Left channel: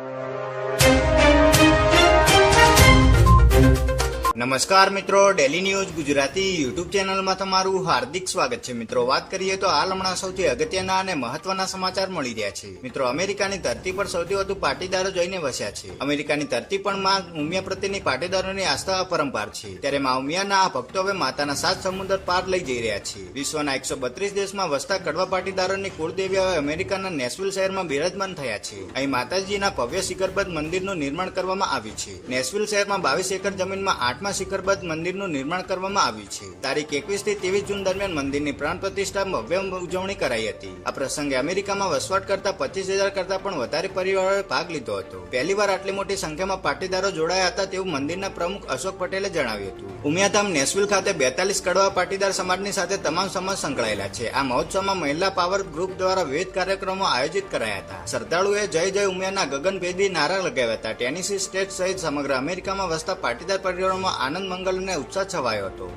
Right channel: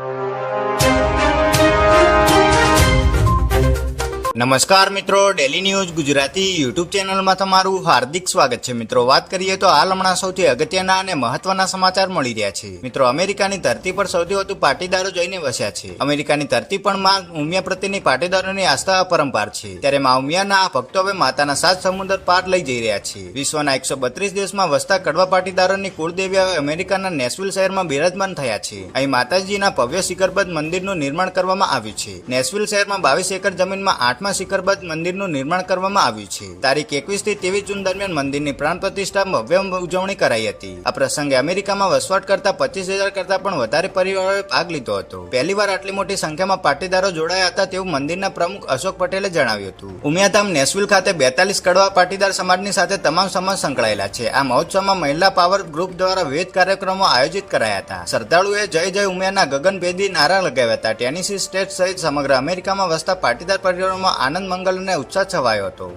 you. નમસ્કાર મિત્રો daily news Gujarati YouTube ચેનલમાં તમારું હાર્દિક સ્વાગત છે. મિત્રો, વાત કરીએ તો હાલ હમણાં સૌથી અગત્યના અને મહત્વના સમાચાર મળી રહ્યા છે. મિત્રો, અમેરિકાની ધરતી પર સૌથી વધુ પાટીદારો જઈને વસ્યા છે. અમેરિકાની ધરતી પણ માં ઉમિયા પ્રત્યેની પાટીદારોની આસ્થા અપરંપાર છે. ત્યારે માં ઉમિયાના આ ભક્તો હવે માતાના સાત સમુદ્ર પાર લઈ જઈ રહ્યા છે. વિશ્વના એકસો બત્રીસ દેશમાં વસતા કડવા પાટીદારોની કુળદેવી હવે અમેરિકાના નેશવિલ શહેરમાં બિરાજમાન થયા છે. અહીં માતાજીના ભવ્ય શિખરબદ્ધ મંદિરનું નિર્માણ કરવામાં આવ્યું છે. નેશવિલ શહેરમાં બાવીસ એકર જમીનમાં આઠમા શિખરબદ્ધ મંદિરનું નિર્માણ કરવામાં આવ્યું છે. તારીખ એકવીસથી ત્રેવીસ જૂન દરમિયાન મંદિરની પ્રાણ પ્રતિષ્ઠા ભવ્ય ઉજવણી કરાઈ હતી. આ પ્રસંગે અમેરિકામાં વસવાટ કરતા પચીસ હજાર કરતા પણ વધારે પરિવારોએ ભાગ લીધો હતો. પહેલીવાર આટલી મોટી સંખ્યામાં પાટીદારો જોડાયા હતા તેવું મંદિરના પ્રમુખ અશોક પટેલે જણાવ્યું હતું. ઉમિયાધામ નેશવિલ ખાતે બેતાલીસ કડવા પાટીદાર સમાજની સાથે તમામ સમાજ સંકળાયેલા છે. આ મહોત્સવમાં મહિલા પાવર ગ્રુપ દ્વારા વિવિધ કાર્યક્રમો આયોજિત કરાયા હતા. શ્રદ્ધાળુએ જય જય ઉમિયાના ગગનભેદી નારા લગાવ્યા હતા. ટેનિસી સ્ટેટ સહિત સમગ્ર અમેરિકામાં વસતા પાટીદાર પરિવારોમાં આનંદ મંગલ અને ઉત્સાહ છવાયો હતો.